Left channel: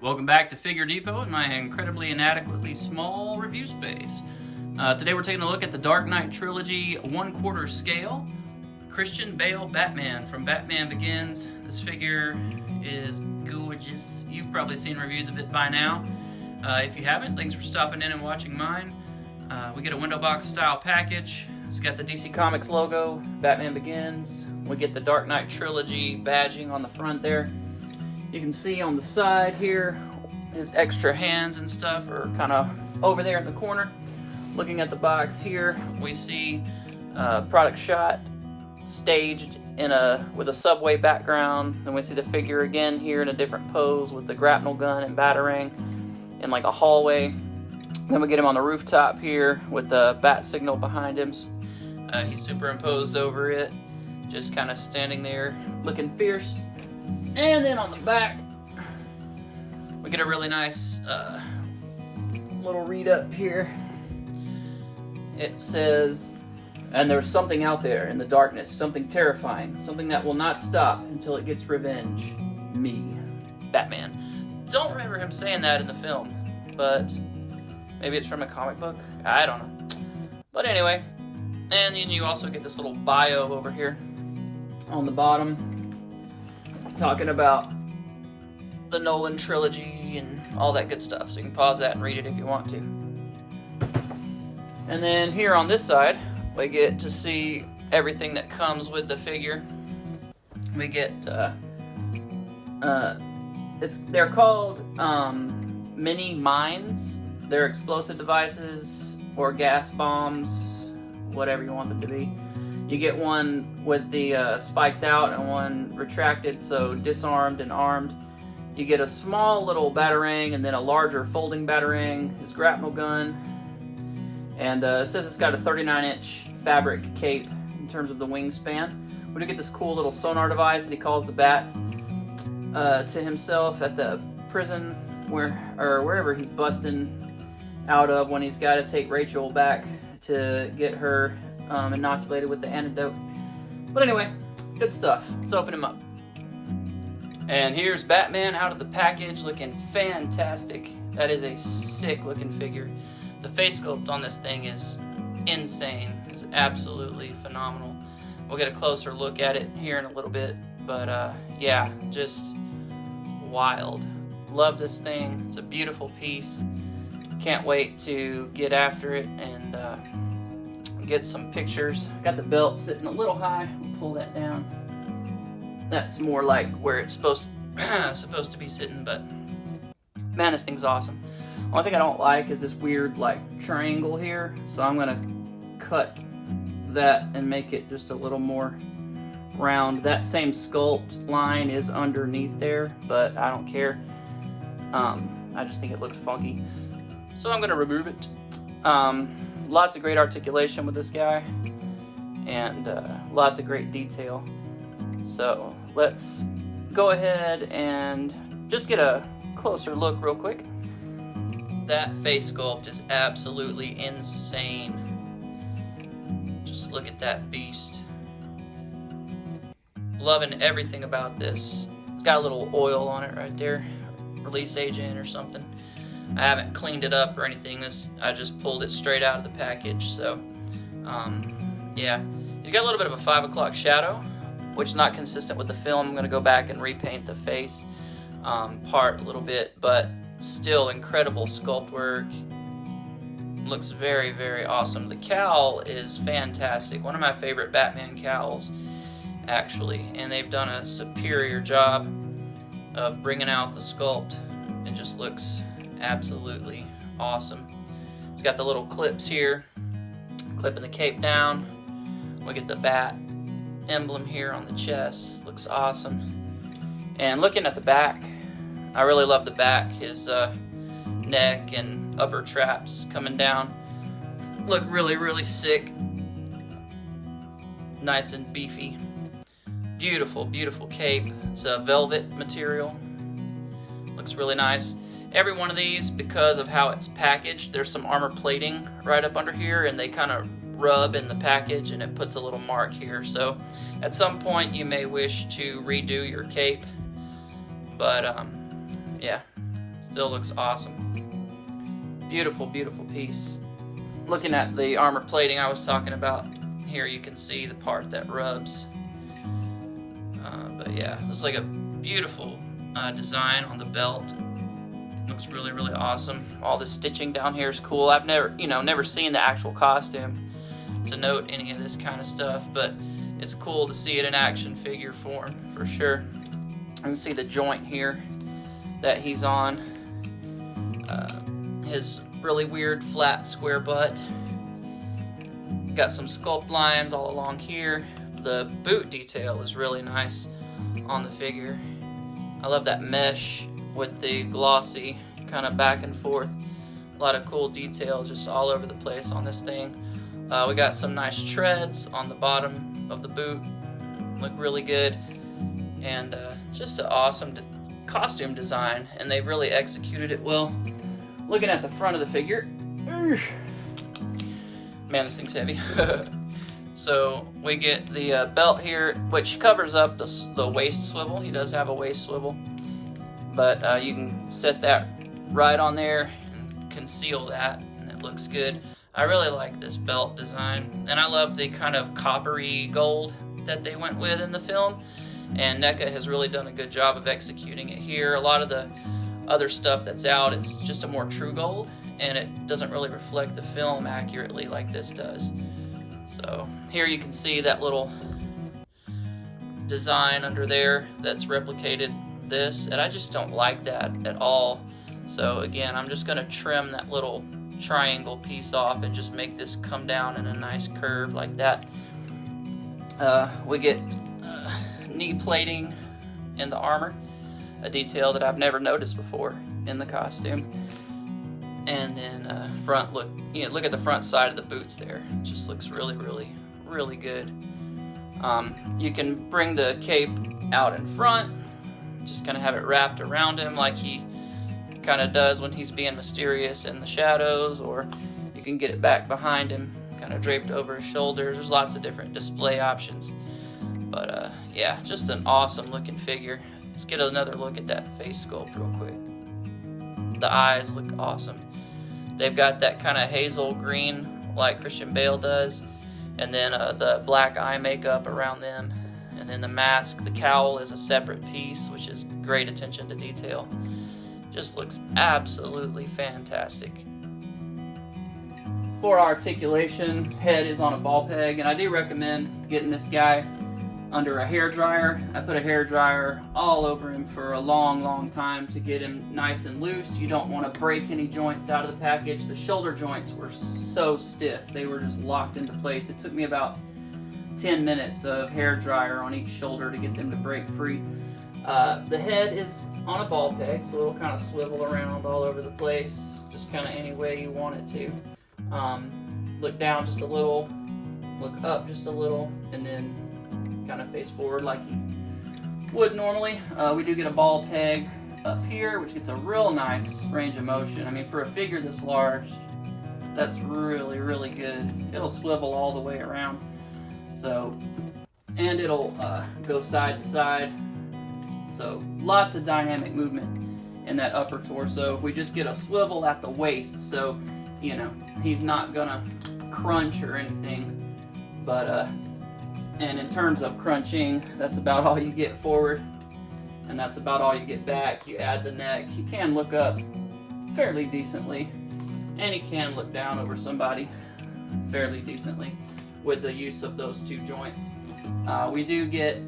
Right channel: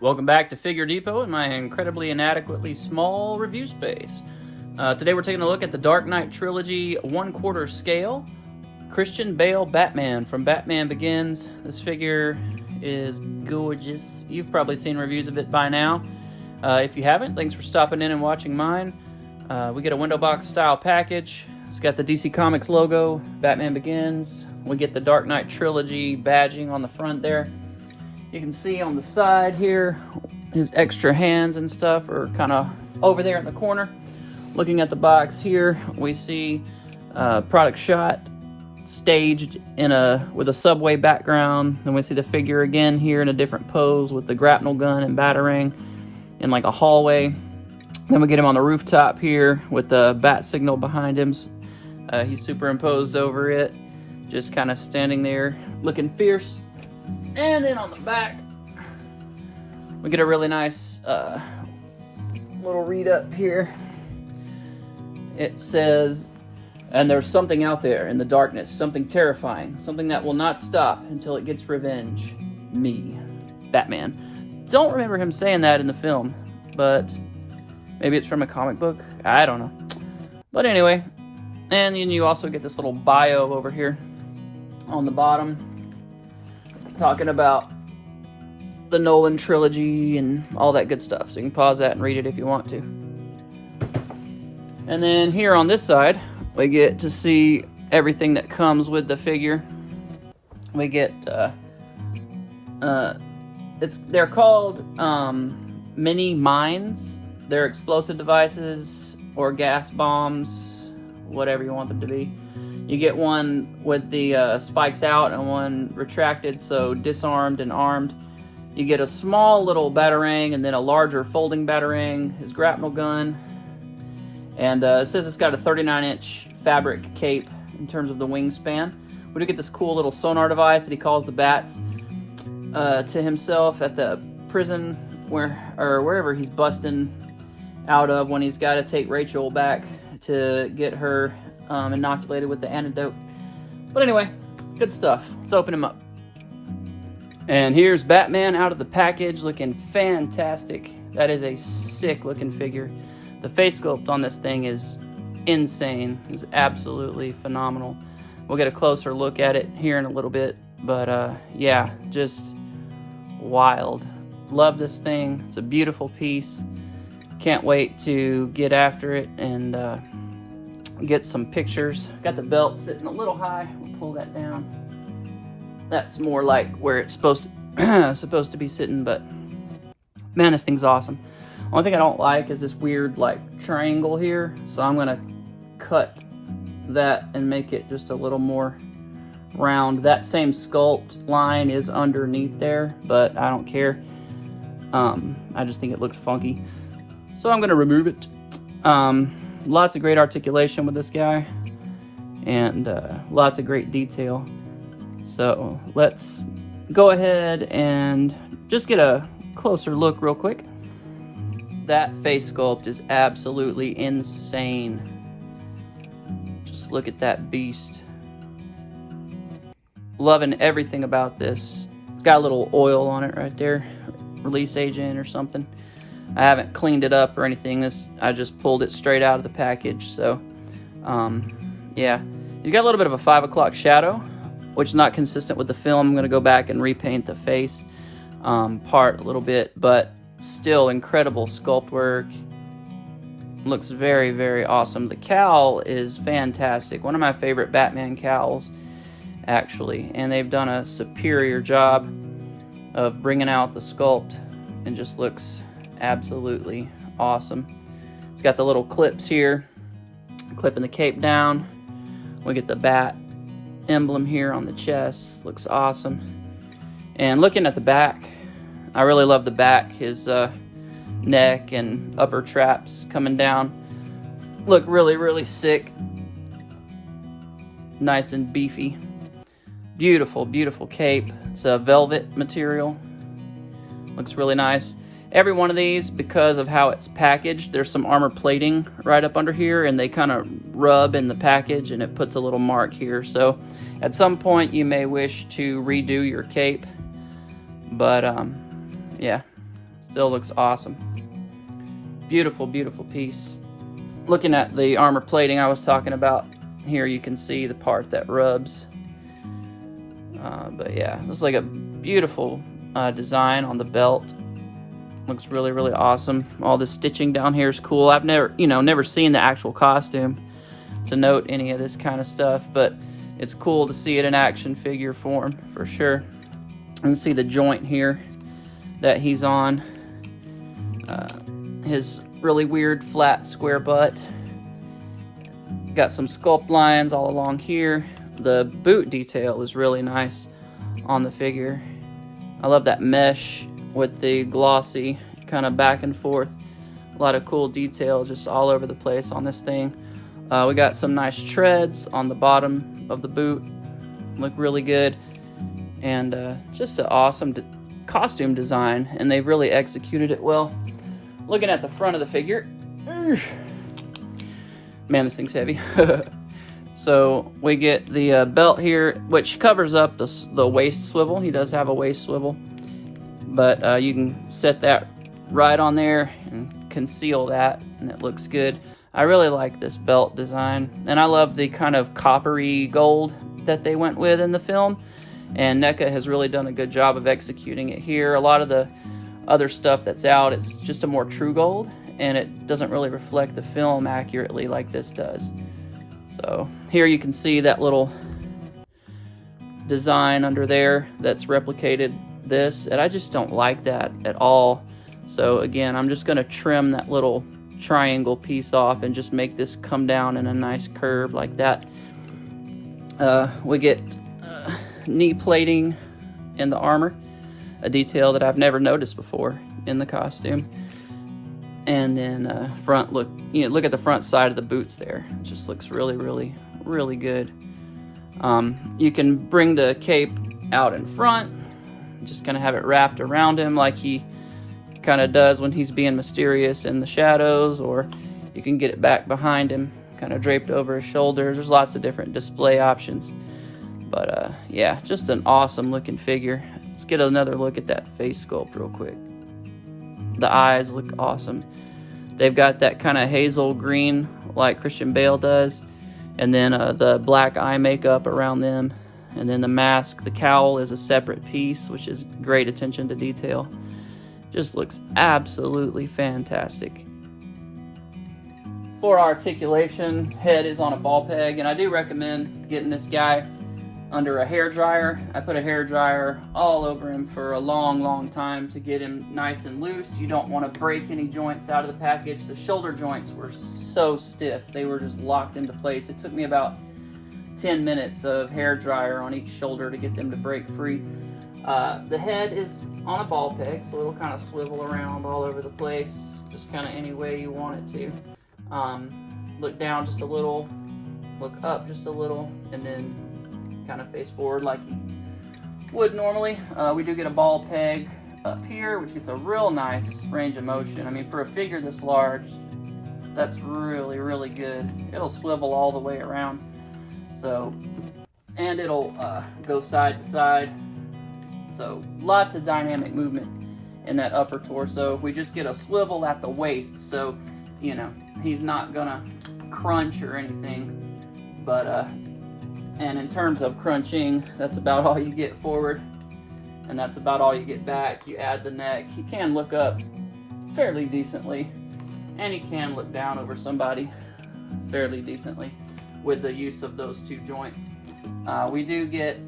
Welcome back to Figure Depot in my incredibly inadequately small review space. Today we're taking a look at the Dark Knight Trilogy 1/4 scale Christian Bale Batman from Batman Begins. This figure is gorgeous. You've probably seen reviews of it by now. If you haven't, thanks for stopping in and watching mine. We get a window box style package. It's got the DC Comics logo, Batman Begins. We get the Dark Knight Trilogy badging on the front there. You can see on the side here, his extra hands and stuff are kind of over there in the corner. Looking at the box here, we see product shot staged with a subway background. And we see the figure again here in a different pose with the grapnel gun and batarang in like a hallway. Then we get him on the rooftop here with the bat signal behind him. He's superimposed over it, just kind of standing there looking fierce. And then on the back, we get a really nice little read up here. It says, and there's something out there in the darkness, something terrifying, something that will not stop until it gets revenge. Me, Batman. Don't remember him saying that in the film, but maybe it's from a comic book. I don't know. But anyway, and then you also get this little bio over here on the bottom, talking about the Nolan trilogy and all that good stuff. So you can pause that and read it if you want to. And then here on this side, we get to see everything that comes with the figure. We get, they're called mini mines. They're explosive devices or gas bombs, whatever you want them to be. You get one with the spikes out and one retracted, so disarmed and armed. You get a small little batarang and then a larger folding batarang, his grapnel gun. And it says it's got a 39-inch fabric cape in terms of the wingspan. We do get this cool little sonar device that he calls the bats to himself at the prison wherever he's busting out of when he's got to take Rachel back to get her inoculated with the antidote. But anyway, good stuff. Let's open him up. And here's Batman out of the package, looking fantastic. That is a sick looking figure. The face sculpt on this thing is insane. It's absolutely phenomenal. We'll get a closer look at it here in a little bit, but yeah, just wild. Love this thing. It's a beautiful piece. Can't wait to get after it and get some pictures. Got the belt sitting a little high. We'll pull that down. That's more like where it's supposed to be sitting, but man, this thing's awesome. One thing I don't like is this weird like triangle here, so I'm gonna cut that and make it just a little more round. That same sculpt line is underneath there, but I don't care. I just think it looks funky, so I'm gonna remove it. Lots of great articulation with this guy, and lots of great detail. So let's go ahead and just get a closer look real quick. That face sculpt is absolutely insane. Just look at that beast. Loving everything about this. It's got a little oil on it right there, release agent or something. I haven't cleaned it up or anything. I just pulled it straight out of the package. So, yeah. You got a little bit of a 5 o'clock shadow, which is not consistent with the film. I'm going to go back and repaint the face part a little bit, but still incredible sculpt work. Looks very, very awesome. The cowl is fantastic. One of my favorite Batman cowls, actually. And they've done a superior job of bringing out the sculpt. It just looks absolutely awesome. It's got the little clips here, clipping the cape down. We get the bat emblem here on the chest. Looks awesome. And looking at the back, I really love the back. His neck and upper traps coming down look really, really sick. Nice and beefy. Beautiful, beautiful cape. It's a velvet material. Looks really nice. Every one of these, because of how it's packaged, there's some armor plating right up under here, and they kind of rub in the package, and it puts a little mark here. So at some point you may wish to redo your cape, but yeah, Still looks awesome. Beautiful, beautiful piece. Looking at the armor plating I was talking about, here you can see the part that rubs. But yeah, it's like a beautiful design on the belt. Looks really, really awesome. All the stitching down here is cool. I've never seen the actual costume to note any of this kind of stuff, but it's cool to see it in action figure form for sure. You can see the joint here that he's on. His really weird flat square butt. Got some sculpt lines all along here. The boot detail is really nice on the figure. I love that mesh with the glossy kind of back and forth. A lot of cool details just all over the place on this thing. We got some nice treads on the bottom of the boot. Look really good. And just an awesome costume design, and they've really executed it well. Looking at the front of the figure, man, this thing's heavy. So we get the belt here, which covers up the waist swivel. He does have a waist swivel, but you can set that right on there and conceal that, and it looks good. I really like this belt design, and I love the kind of coppery gold that they went with in the film, and NECA has really done a good job of executing it here. A lot of the other stuff that's out, it's just a more true gold, and it doesn't really reflect the film accurately like this does. So here you can see that little design under there that's replicated this, and I just don't like that at all. So again, I'm just going to trim that little triangle piece off and just make this come down in a nice curve like that. We get knee plating in the armor, a detail that I've never noticed before in the costume. And then front look at the front side of the boots there. It just looks really, really, really good. You can bring the cape out in front, just kind of have it wrapped around him like he kind of does when he's being mysterious in the shadows, or you can get it back behind him, kind of draped over his shoulders. There's lots of different display options. But yeah, just an awesome looking figure. Let's get another look at that face sculpt real quick. The eyes look awesome. They've got that kind of hazel green like Christian Bale does, and then the black eye makeup around them, and then the mask, the cowl is a separate piece, which is great attention to detail. Just looks absolutely fantastic. For articulation, head is on a ball peg, and I do recommend getting this guy under a hair dryer. I put a hair dryer all over him for a long, long time to get him nice and loose. You don't want to break any joints out of the package. The shoulder joints were so stiff. They were just locked into place. It took me about 10 minutes of hair dryer on each shoulder to get them to break free. The head is on a ball peg, so it'll kind of swivel around all over the place, just kind of any way you want it to. Look down just a little, look up just a little, and then kind of face forward like you would normally. We do get a ball peg up here, which gets a real nice range of motion. I mean, for a figure this large, that's really, really good. It'll swivel all the way around. So, and it'll go side to side. So lots of dynamic movement in that upper torso. We just get a swivel at the waist, so you know he's not gonna crunch or anything. But and in terms of crunching, that's about all you get forward, and that's about all you get back. You add the neck. He can look up fairly decently, and he can look down over somebody fairly decently with the use of those two joints. We do get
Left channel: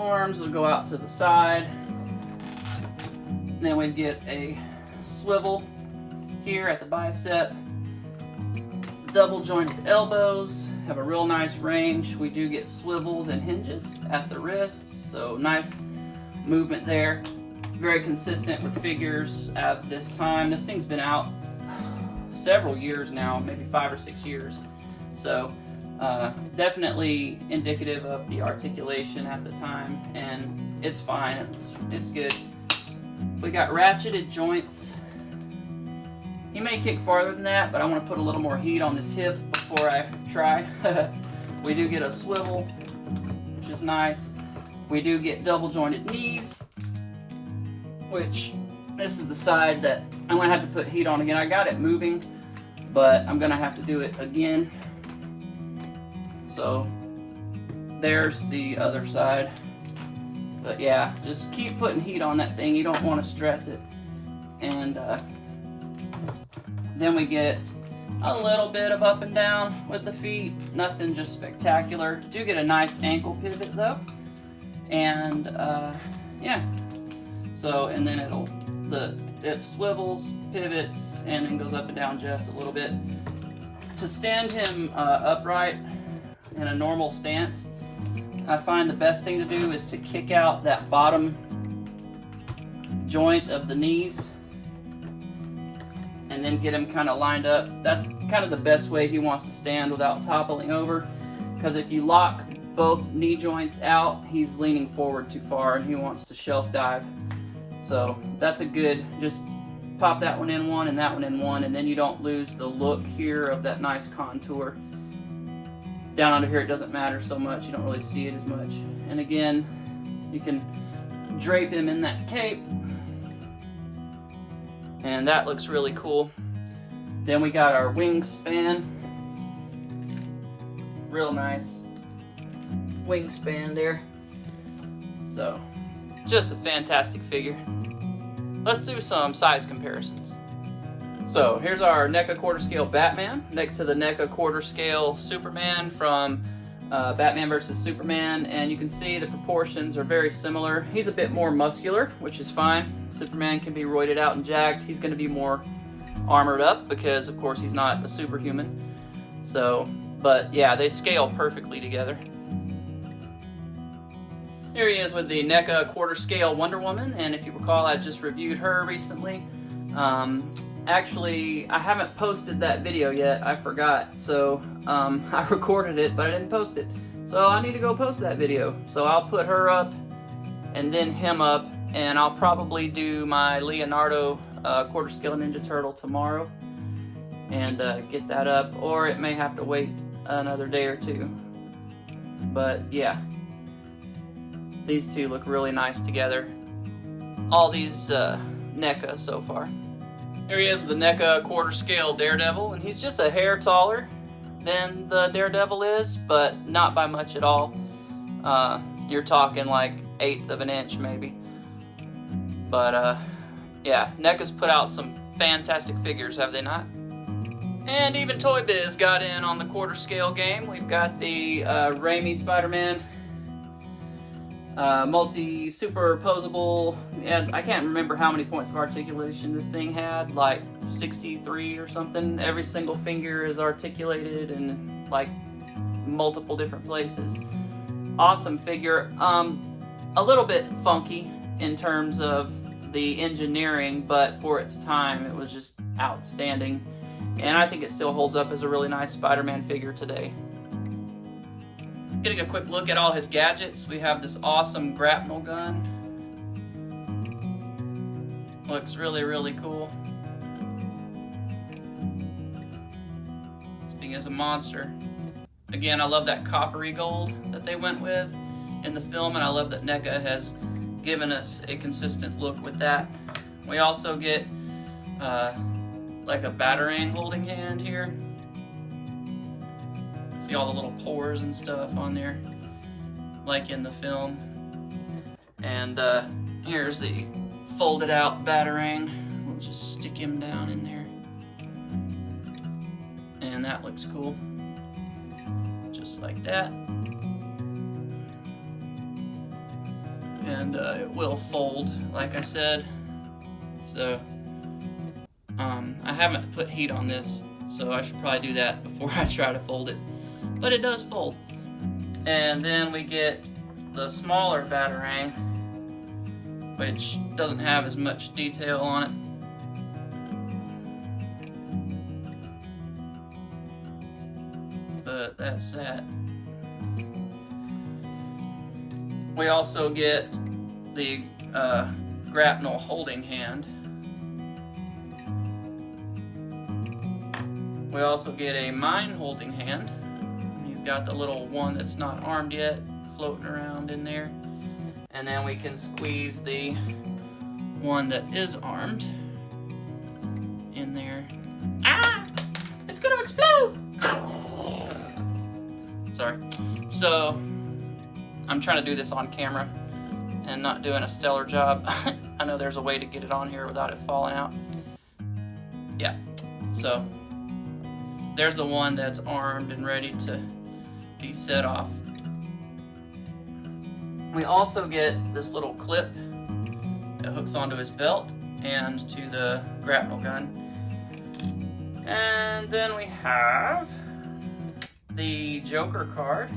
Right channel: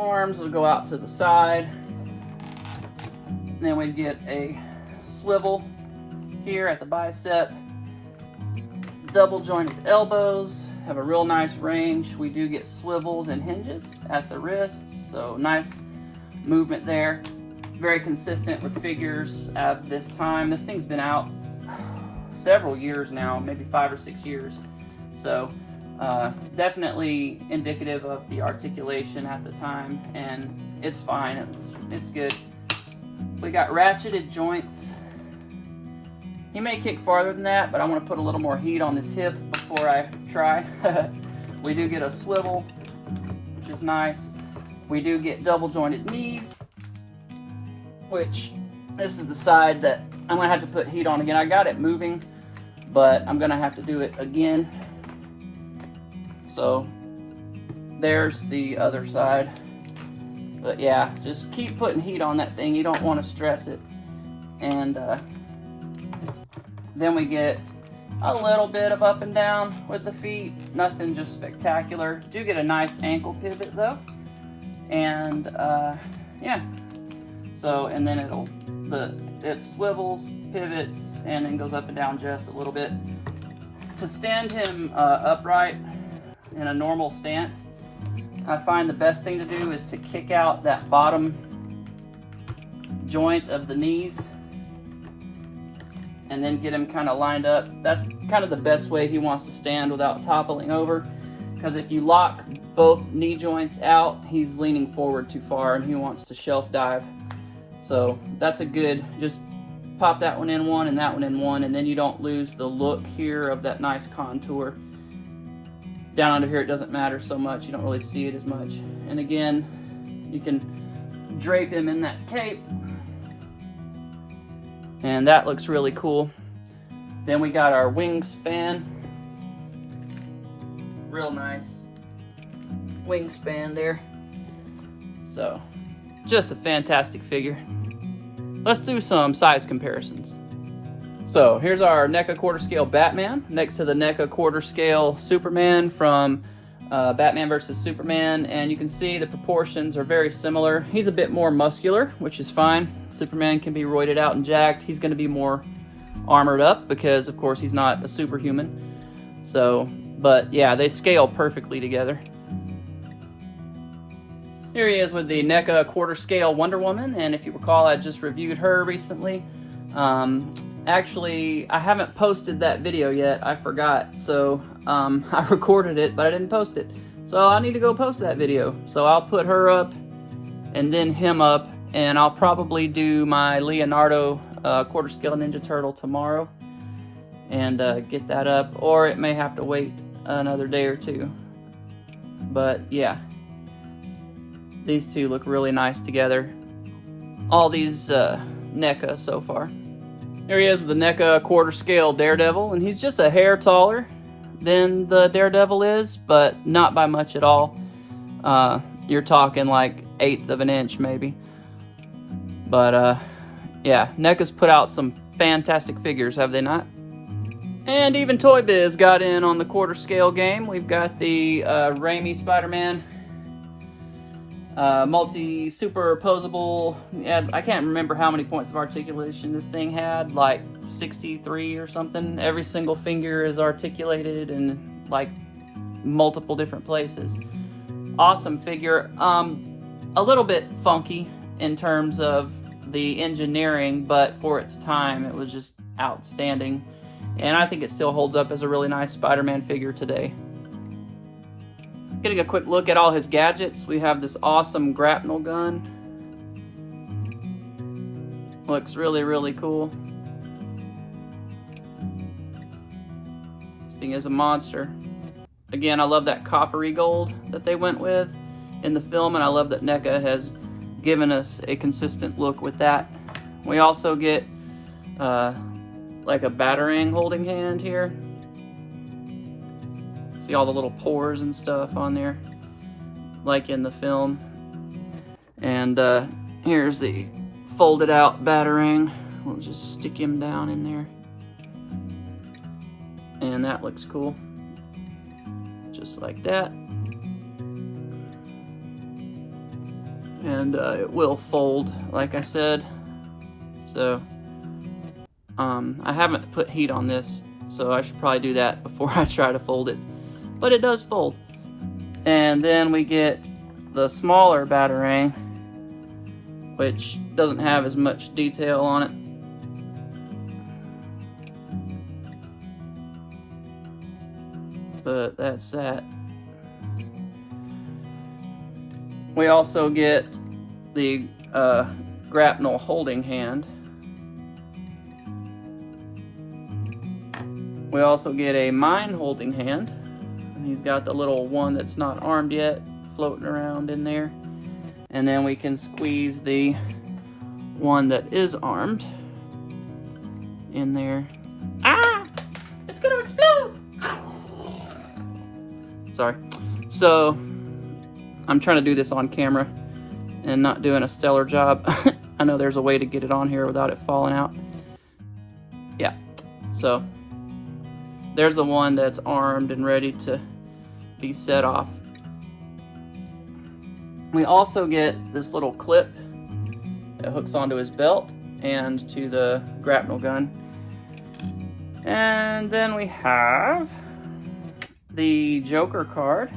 arms that go out to the side. Then we get a swivel here at the bicep. Double jointed elbows, have a real nice range. We do get swivels and hinges at the wrists, so nice movement there. Very consistent with figures at this time. This thing's been out several years now, maybe 5 or 6 years. So definitely indicative of the articulation at the time, and it's fine, it's good. We got ratcheted joints. He may kick farther than that, but I want to put a little more heat on this hip before I try. We do get a swivel, which is nice. We do get double jointed knees, which this is the side that I'm gonna have to put heat on again. I got it moving, but I'm gonna have to do it again. So there's the other side. But yeah, just keep putting heat on that thing. You don't want to stress it. And then we get a little bit of up and down with the feet. Nothing just spectacular. Do get a nice ankle pivot though. And yeah. So, and then it swivels, pivots, and then goes up and down just a little bit. To stand him upright in a normal stance, I find the best thing to do is to kick out that bottom joint of the knees and then get him kind of lined up. That's kind of the best way he wants to stand without toppling over, because if you lock both knee joints out, he's leaning forward too far and he wants to shelf dive. So that's a good, just pop that one in one and that one in one, and then you don't lose the look here of that nice contour. Down under here it doesn't matter so much, you don't really see it as much. And again, you can drape him in that cape, and that looks really cool. Then we got our wingspan, real nice wingspan there. So just a fantastic figure. Let's do some size comparisons. So here's our NECA quarter scale Batman next to the NECA quarter scale Superman from Batman vs. Superman, and you can see the proportions are very similar. He's a bit more muscular, which is fine. Superman can be roided out and jacked. He's going to be more armored up because, of course, he's not a superhuman. So, but yeah, they scale perfectly together. Here he is with the NECA quarter scale Wonder Woman, and if you recall, I just reviewed her recently. Actually, I haven't posted that video yet. I forgot. So I recorded it, but I didn't post it. So I need to go post that video. So I'll put her up and then him up, and I'll probably do my Leonardo quarter scale Ninja Turtle tomorrow and get that up, or it may have to wait another day or two. But yeah, these two look really nice together. All these NECA so far. Here he is with the NECA quarter scale Daredevil, and he's just a hair taller than the Daredevil is, but not by much at all. You're talking like 1/8 of an inch maybe. But yeah, NECA's put out some fantastic figures, have they not? And even Toy Biz got in on the quarter scale game. We've got the Raimi Spider-Man multi-superposable. I can't remember how many points of articulation this thing had, like 63 or something. Every single finger is articulated in like multiple different places. Awesome figure. A little bit funky in terms of the engineering, but for its time it was just outstanding. And I think it still holds up as a really nice Spider-Man figure today. Getting a quick look at all his gadgets, we have this awesome grapnel gun. Looks really, really cool. This thing is a monster. Again, I love that coppery gold that they went with in the film, and I love that NECA has given us a consistent look with that. We also get like a Batarang holding hand here. See all the little pores and stuff on there, like in the film. And here's the folded out Batarang. We'll just stick him down in there. And that looks cool. Just like that. And it will fold, like I said. So, I haven't put heat on this, so I should probably do that before I try to fold it. But it does fold. And then we get the smaller Batarang, which doesn't have as much detail on it. But that's that. We also get the grapnel holding hand. We also get a mine holding hand. He's got the little one that's not armed yet floating around in there. And then we can squeeze the one that is armed in there. Ah! It's gonna explode! Sorry. So, I'm trying to do this on camera and not doing a stellar job. I know there's a way to get it on here without it falling out. Yeah. So, there's the one that's armed and ready to be set off. We also get this little clip that hooks onto his belt and to the grapnel gun. And then we have the Joker card,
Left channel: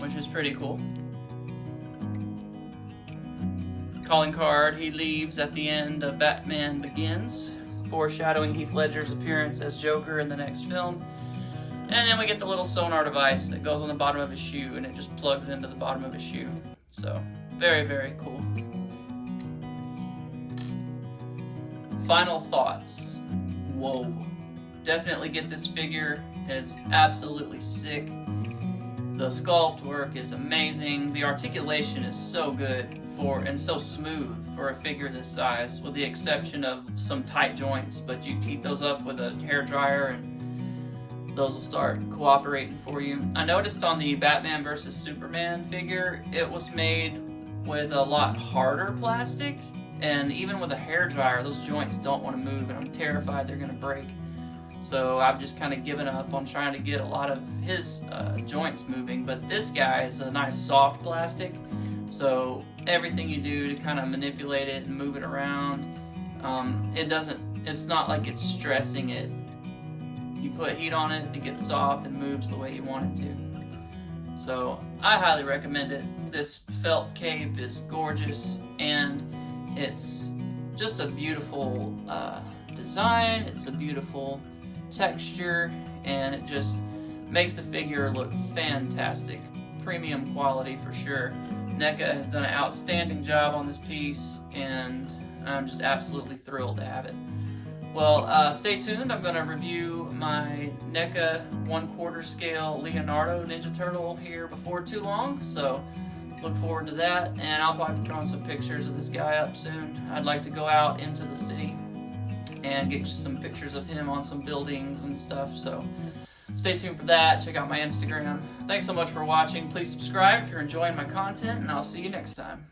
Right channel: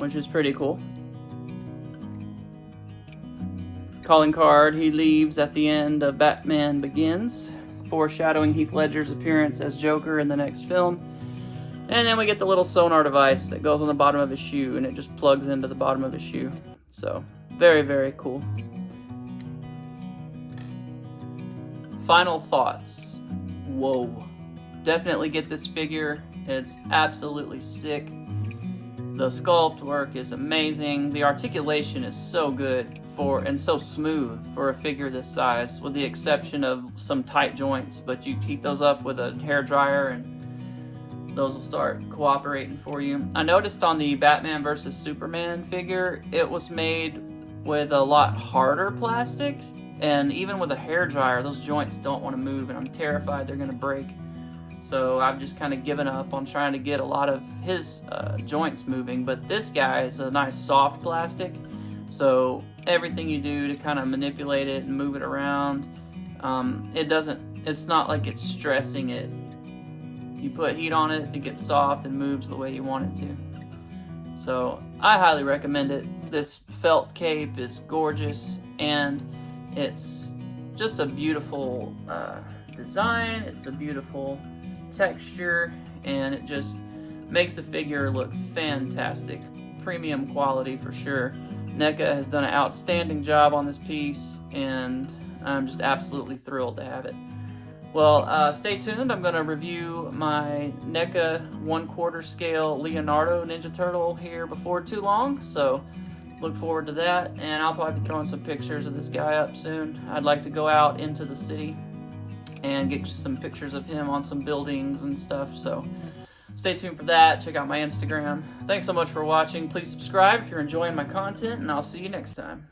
which is pretty cool. Calling card he leaves at the end of Batman Begins, foreshadowing Heath Ledger's appearance as Joker in the next film. And then we get the little sonar device that goes on the bottom of his shoe, and it just plugs into the bottom of his shoe. So, very, very cool. Final thoughts. Whoa. Definitely get this figure. It's absolutely sick. The sculpt work is amazing. The articulation is so good and so smooth for a figure this size, with the exception of some tight joints. But you heat those up with a hair dryer and those will start cooperating for you. I noticed on the Batman vs. Superman figure, it was made with a lot harder plastic, and even with a hair dryer, those joints don't want to move, and I'm terrified they're going to break. So I've just kind of given up on trying to get a lot of his joints moving, but this guy is a nice soft plastic, so everything you do to kind of manipulate it and move it around, it's not like it's stressing it. You put heat on it, it gets soft and moves the way you want it to. So I highly recommend it. This felt cape is gorgeous, and it's just a beautiful design. It's a beautiful texture, and it just makes the figure look fantastic. Premium quality for sure. NECA has done an outstanding job on this piece, and I'm just absolutely thrilled to have it. Well, stay tuned. I'm going to review my NECA 1/4 scale Leonardo Ninja Turtle here before too long, so look forward to that, and I'll probably be throwing some pictures of this guy up soon. I'd like to go out into the city and get some pictures of him on some buildings and stuff, so stay tuned for that. Check out my Instagram. Thanks so much for watching. Please subscribe if you're enjoying my content, and I'll see you next time.